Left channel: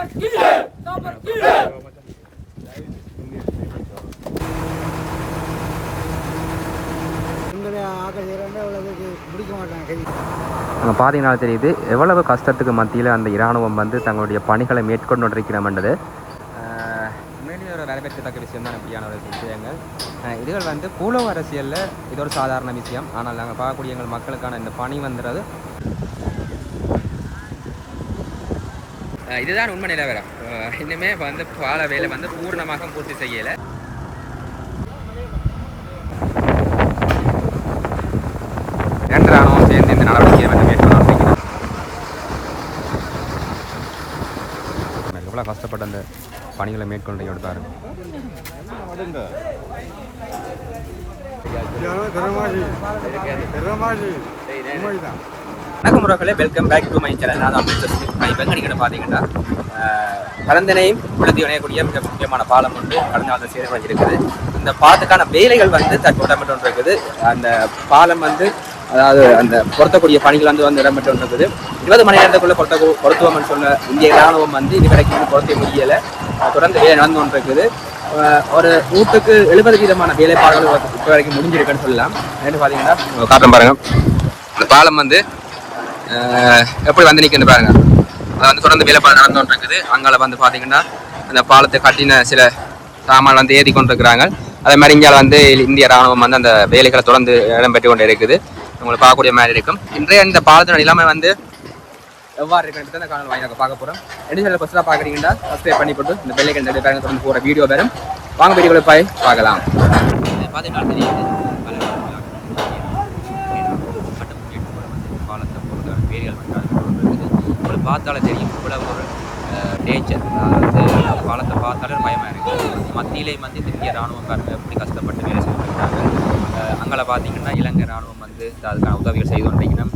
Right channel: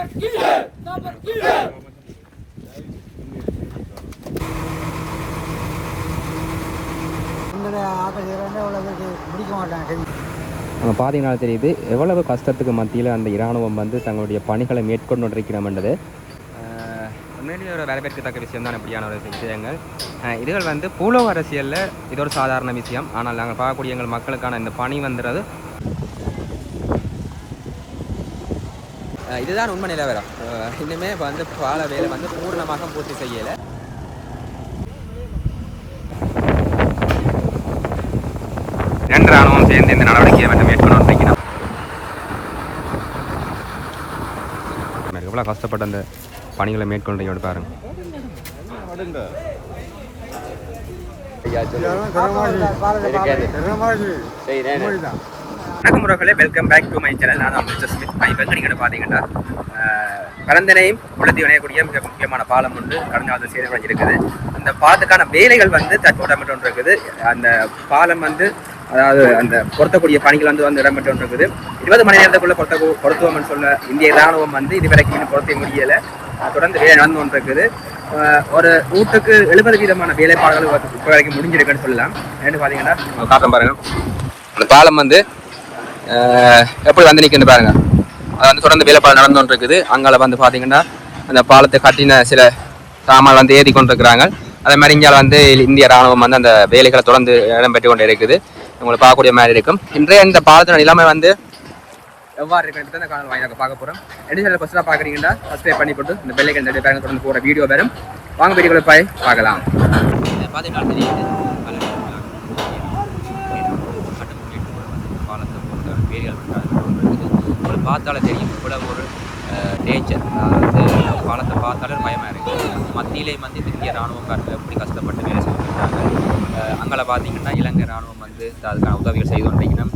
தாப்பர் கீழே தாப்பர் கீழே அங்கே பார்த்தீங்கன்னா தெரியுது. எவ்வளவு கஷ்டத்துக்கு மத்தியில் அந்த இராணுவம் வந்து தங்களுடைய பணிகளை மேற்கொண்டு இருக்கிறோம்ன்றது உண்மையிலேயே ஒரு வரவேற்கத்தக்க விஷயம் தான் இப்படியான ஒரு விஷயங்கள். இதுகள் வந்து பூலோக அரசியலில் இது ஒரு சாதாரண விஷயம். ஆனால் நாங்கள் பார்க்கக்கூடிய எங்கள் மக்களுக்கான இந்த பணி வந்துடுறது இதுதான் உண்மை நிலவரம். இன்னுமே வந்து பால வேலை வந்து பூர்ணமாக பூர்த்தி செய்யலை. இரண்டு ராணுவம் சேர்ந்து இந்த நடவடிக்கையை வந்து மேற்கொண்டு வந்திருக்கிறோம். எவ்வளோ கஷ்டப்பட்டு அந்த பணிகளை மேற்கொண்டு பாருங்க. வணக்கம் உறவுகளே welcome back to my channel நான் தான் மிஸ்டர் ஸ்மித் நான் இப்போ நீங்கள் பார்த்தீங்கன்னா கலந்தனையும் உலர்த்தி இணையக்கூடிய மிக முக்கியமான பாலம் ஒன்று கடந்த காலத்தில் சேதமடைஞ்சு இருக்குது. அந்த பாலத்துக்கான வேலைகள் வந்து தற்போது இருக்குது. அந்த பாலம் வந்து அதாவது அந்த பொருத்தக்கூடிய பணிகள் வந்து வந்து இடம்பெற்று இருக்குது. இருபது மணி நேரத்துக்குள்ளே பொருத்த பொருத்துவோம்னு சொன்ன இந்திய ராணுவம் வந்து இதுவரைக்கும் இன்னும் பொருத்த முடியலை. தொடர்ந்து வேலை நடந்து கொண்டு இருக்குது. ஒரு நூற்றுக்கு எழுபது வீதமான வேலைப்பாடுகள் இப்போ வரைக்கும் முடிஞ்சிருக்குன்னு சொல்லலாம். என்ன பார்த்தீங்கன்னா பாருங்க. அந்த பாலம் வந்து எப்படி வந்து நிற்குது பாருங்க. அது வந்து தொடர்ந்து வேலைப்பாடு நடந்து கொண்டு இருக்குது அங்கால வந்து பார்த்தீங்கன்னா அந்த பாலத்தை கட்டின சில சாமான் வந்து ஏறி கொண்டு இருக்கிறாங்க அதே மாதிரி இங்கே வந்து இந்திய ராணுவம் வந்து அந்த வேலைகளை தொடர்ந்து இடம்பெற்று கொண்டு இருக்குது உங்களுக்கு பார்க்கக்கூடிய மாதிரி இருக்கும். இன்றைய இந்த பாலத்தின நிலைமை வந்து எவ்வாறு இருக்குன்னு அந்த காலம் வாங்கி பார்க்க போகிறோம் என்ன சொல்ல ஃபஸ்ட்டாக பார்க்குறீங்கன்னா சப்ஸ்கிரைப் பண்ணி போட்டு இந்த பெல்லைக்கன் ரெண்டு தொடர்ந்து போகிற வீடியோ வரும். வாங்க வீடியோவில் போய் பார்க்கலாம். பார்த்தீங்கன்னா தெரியுது பாலத்தை பொறுத்த வேரியல் ஒரு பார்த்தாலே தெரியும் இவ்வளவு ஒரு டேஞ்சர் அதாவது பாலத்தை பார்த்தாலே ஒரு பயமாக இருக்குது மத்தியிலே வந்து இந்த இந்திய ராணுவம் எப்படி கஷ்டப்பட்டு வேலை செஞ்சுருக்காங்க அங்கே பார்த்தீங்கன்னா இலங்கை ராணுவம் வந்து அதுக்கான உதவிகள் செய்து கொண்டிருக்கணும்.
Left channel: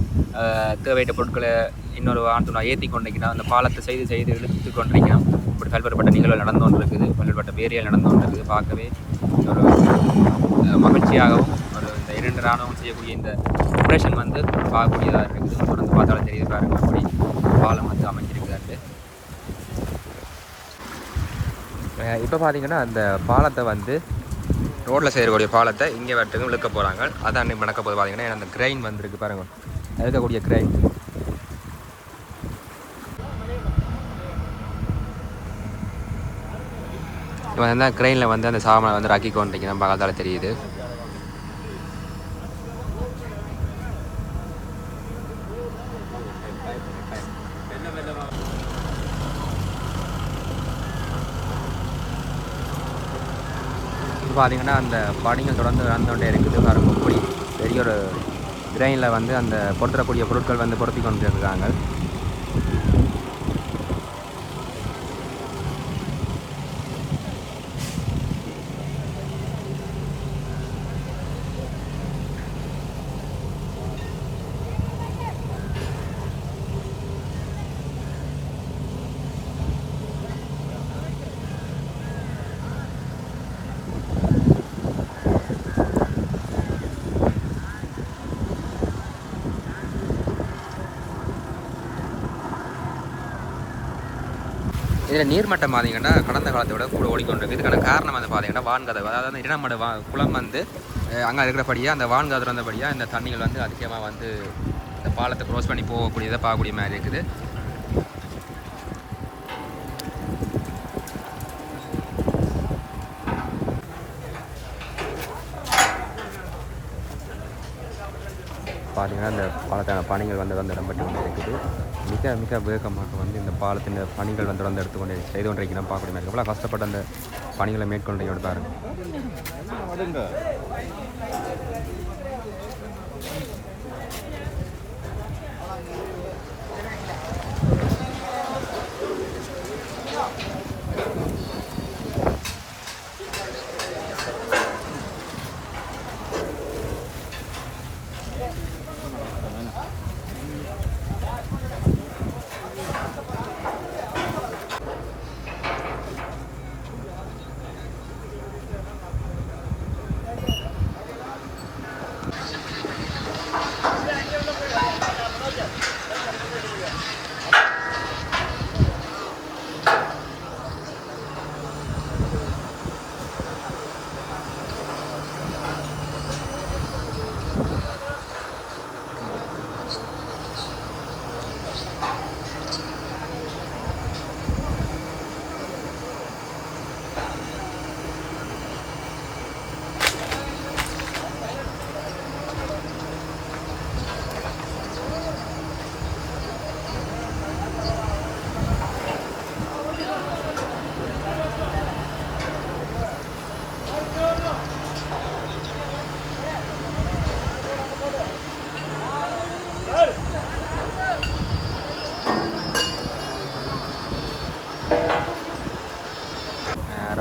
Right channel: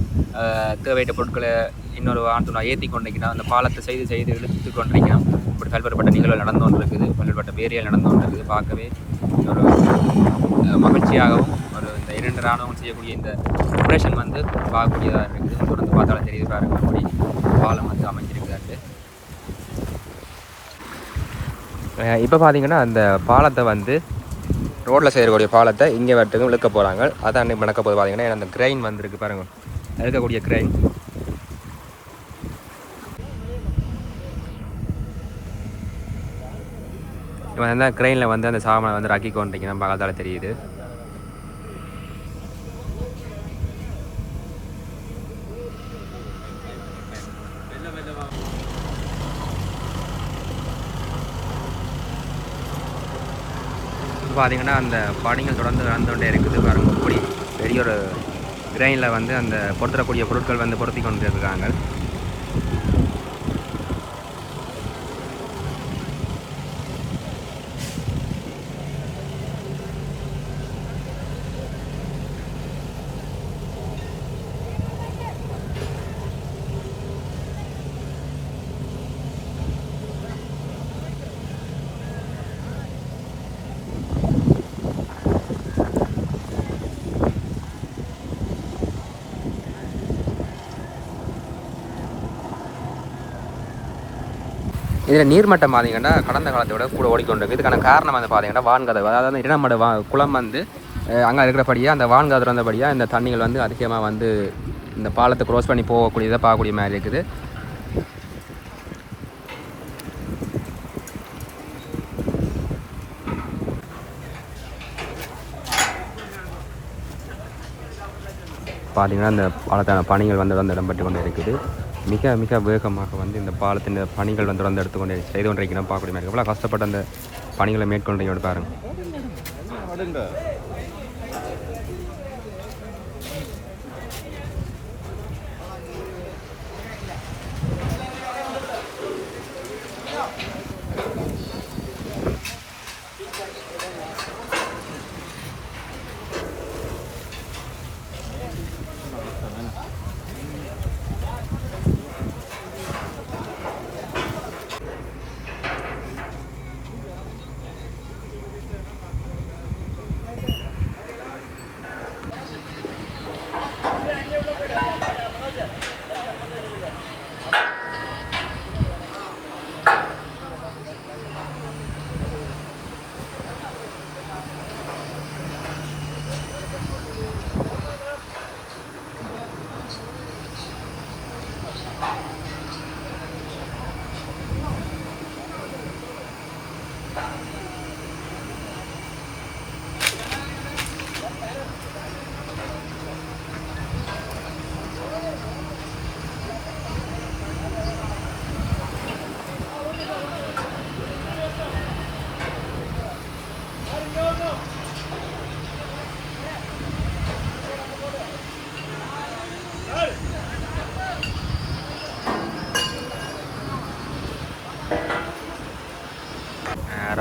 தேவையற்ற பொருட்களை இன்னொரு ஆண்டு ஏற்றி கொண்டிருக்கணும். அந்த பாலத்தை செய்து செய்து இழுத்து கொண்டிருக்கணும். இப்படி பல்வேறுபட்ட நிகழ்வு நடந்து கொண்டிருக்குது. பல்வேறுபட்ட வேரியல் நடந்து கொண்டிருக்குது. பார்க்கவே ஒரு மகிழ்ச்சியாகவும் இரண்டு ராணுவம் செய்யக்கூடிய இந்த ஆப்ரேஷன் வந்து பார்க்கக்கூடியதாக இருக்குது. தொடர்ந்து பார்த்தாலும் தெரியுது பாருங்கள் அப்படி பாலம் வந்து அமைஞ்சிருக்குதாட்டு இப்போ பார்த்தீங்கன்னா அந்த பாலத்தை வந்து ரோட்டில் செய்யக்கூடிய பாலத்தை இங்கே வரட்டுக்கு இழுக்க போகிறாங்க அதான் அன்றைக்கி நடக்க போது பார்த்தீங்கன்னா அந்த கிரெயின் வந்திருக்கு பாருங்கள் இருக்கக்கூடிய கிரெயின் இப்போ வந்து கிரெயினில் வந்து அந்த சாமானை வந்து ரக்கி கொண்டிருக்கணும் பக்கத்தால் தெரியுது. பார்த்தீங்கன்னா அந்த பணிகள் தொடர்ந்து நடந்துகிட்டே இருக்குது. பாருங்க இப்படி பெரிய ஒரு கிரெயினில் வந்து அந்த பொருத்தக்கூடிய பொருட்கள் வந்து பொருத்தி கொண்டு இருக்காங்க இதில் நீர்மட்டம் பார்த்தீங்கன்னா கடந்த காலத்தை விட கூட ஓடிக்கொண்டிருக்கு. இதுக்கான காரணம் வந்து பார்த்தீங்கன்னா வான்கதவு. அதாவது அந்த இடமட வா குளம் வந்து அங்கே இருக்கிறபடியாக அந்த வான்கதவு இருந்தபடியாக இந்த தண்ணிகள் வந்து அதிகமாக வந்து இந்த பாலத்தை க்ரோஸ் பண்ணி போகக்கூடியதை பார்க்கக்கூடிய மாதிரி இருக்குது. பார்த்தீங்கன்னா இந்த பாலத்தான பணிகள் வந்து வந்து இடம்பெற்று கொண்டு இருக்குது மிக மிக வேகமாக வந்து இந்த பாலத்தின் பணிகள் வந்து தொடர்ந்து எடுத்து கொண்டு செய்து கொண்டிருக்கிறோம். பார்க்கக்கூடிய மாதிரி எவ்வளோ கஷ்டப்பட்ட அந்த பணிகளை மேற்கொண்டு பாருங்க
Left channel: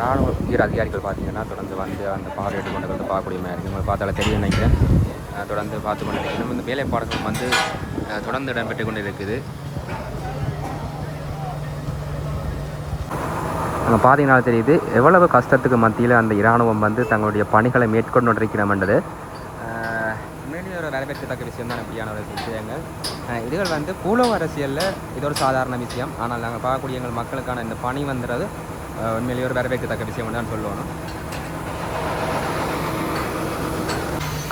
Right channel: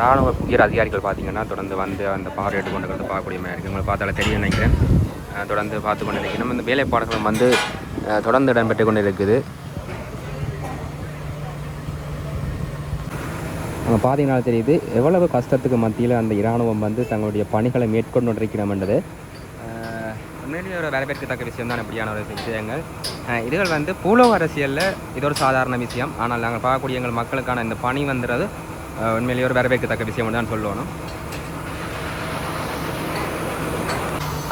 ராணுவ உயர் அதிகாரிகள் பார்த்தீங்கன்னா தொடர்ந்து வந்து அந்த பார்வையிட்டு கொண்டு வந்து பார்க்கக்கூடிய மாதிரி இருக்குது உங்களை பார்த்தால தெரியும் நினைக்கிறேன். தொடர்ந்து பார்த்து கொண்டு இருக்கணும் இந்த வேலைப்பாடுகள் வந்து தொடர்ந்து இடம்பெற்று கொண்டு இருக்குது. அங்கே பார்த்தீங்கன்னா தெரியுது எவ்வளவு கஷ்டத்துக்கு மத்தியில் அந்த இராணுவம் வந்து தங்களுடைய பணிகளை மேற்கொண்டு இருக்கிறோம்ன்றது உண்மையிலேயே ஒரு வரவேற்கத்தக்க விஷயம் தான் இப்படியான ஒரு விஷயங்கள். இதுகள் வந்து பூலோக அரசியலில் இது ஒரு சாதாரண விஷயம். ஆனால் நாங்கள் பார்க்கக்கூடிய எங்கள் மக்களுக்கான இந்த பணி வந்துடுறது உண்மையிலேயே ஒரு வரவேற்கத்தக்க விஷயம் தான் சொல்லணும்.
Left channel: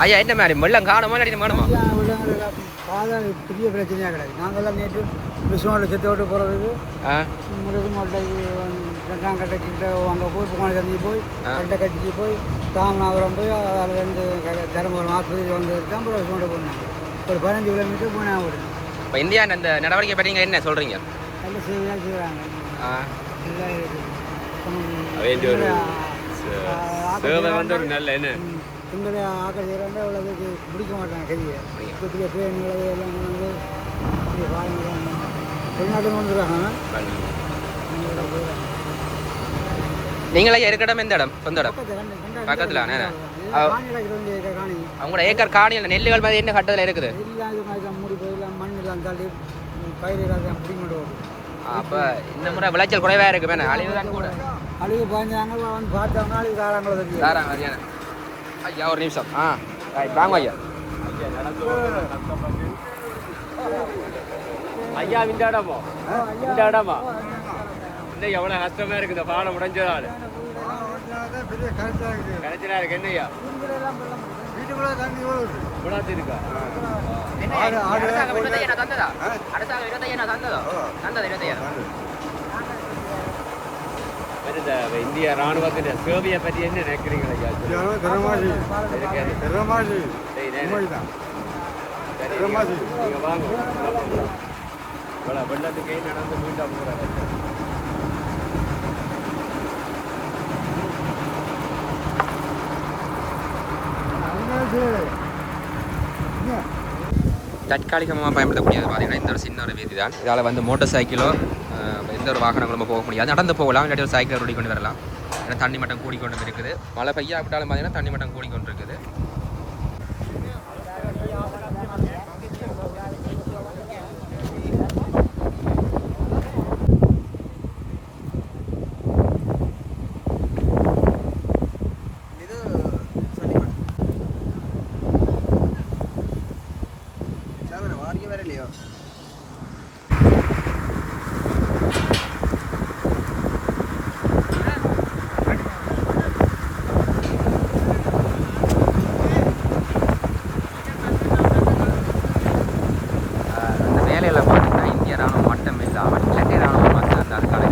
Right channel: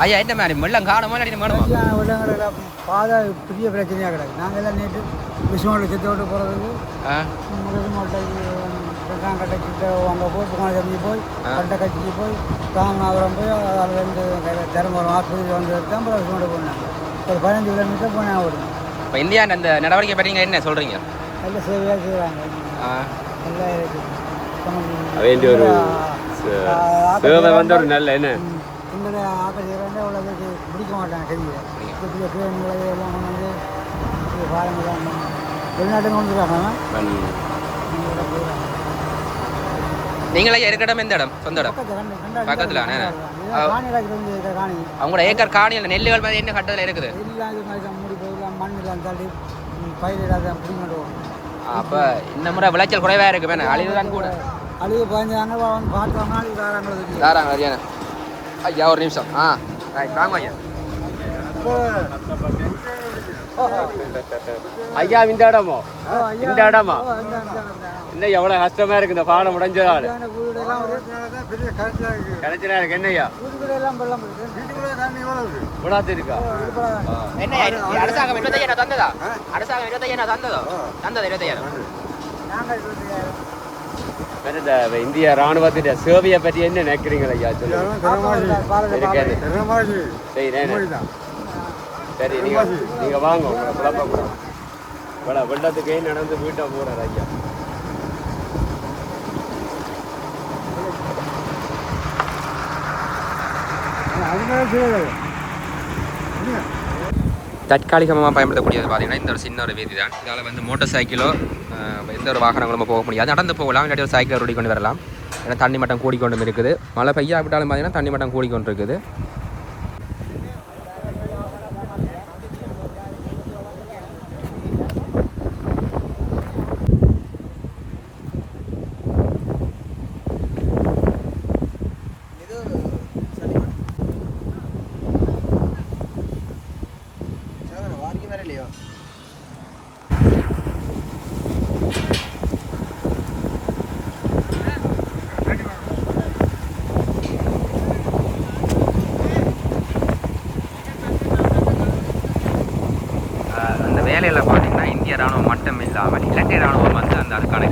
ஐயா என்ன மாதிரி? வெள்ளம் காணுமா இல்லாட்டி கட்சியான உள்ளவங்களெல்லாம் பாதை பெரிய பிரச்சனையாக கிடக்கு. நாங்கள் எல்லாம் நேற்று செத்து விட்டு போகிறதுக்கு மொட்டைக்கு ரெண்டாம் கட்டைக்கிட்ட அங்கே போய் தம்பி போய் ரெண்ட கட்சிக்கு போய் ராமநாதபுரம் போய் அதில் இருந்து தருமபுரம் ஆஸ்பத்திரி வந்ததுக்கு அப்புறம் விஸ்வனோட போனாங்க. ஒரு பதினஞ்சு கிலோமீட்டர் போனாங்க ஒரு இப்போ இந்தியா அந்த நடவடிக்கை பற்றி என்ன சொல்கிறீங்க நல்ல சேவையாக செய்கிறாங்க நல்லா இருக்கு வேண்டிய ஒரு சேவை வந்து ஒரு நல்ல என்ன? எங்களை ஆக்கள் செய்கிறாங்க இவ்வளோக்கு பிடிக்க மாட்டாங்க கதியை. பெரிய எல்லாம் கொண்டு வந்து இது பாருங்கலாம் வெளிநாட்டுக்கு கொண்டு வராங்க நீங்களே இருக்க இடம் எந்த இடம்? சொந்த இடம்? பக்கத்துல அவங்களோட ஏக்கர் காணி அந்த நெல்லுகள் மாதிரி என்ன கட்டத்தில் இருக்குது? எல்லாம் இது மாதிரி தான் மூடி போய் எல்லாம் மண் எல்லாம் தள்ளி போகும் அப்போ இந்த முறை விளைச்சல் குறைவாக இருக்கு வேணா அழிவு தான் கூட. அழுகு பதினஞ்சாங்க வந்து பார்த்தோம்னா அழுகு காரங்களை தெரியும் தாராங்க ஐயா ஒரு நிமிஷம். ஆ. வாங்க ஐயா. ஐயா இந்த இடமோ? இந்த இடமா? இல்லை எவ்வளோ கஷ்டமா இருக்கு இந்த பாடம் உடைஞ்சதால இருக்கு. இருக்கா? என்ன அரசாங்கம் தந்ததா? அரசாங்கம் தந்ததோ? தந்தது இந்திய ராணுவத்தின் சேவையை பற்றி என்ன நினைக்கிறீங்களா ஐயா? வாங்க வெள்ளத்துக்கே நடந்து வீட்டை தற்காலிகமாக பயன்படுத்தக்கூடியது பார்த்தீங்கன்னா இந்த ஒரு சின்ன ஒரு வீதி தான் இதால் வந்து மோட்டார் சைக்கிளோ எந்த ஒரு வாகனங்களும் போக முடியாது. நடந்து போகலாம் இல்லாட்டி ஒரு சைக்கிள் ஓடி கொண்டு வரலாம். ஏன்னா தண்ணி மட்டம் கூடிக்கொண்டும் இருக்குது. மழை பெய்யா விட்டாலும் பார்த்தீங்கன்னா தண்ணி மட்டம் கூடிக்கொண்டு இருக்குது வேலையில் பார்த்தீங்கன்னா இந்திய ராணுவம் மட்டும் இல்லாமல் இலங்கை ராணுவம் வந்து அந்த அதுக்கான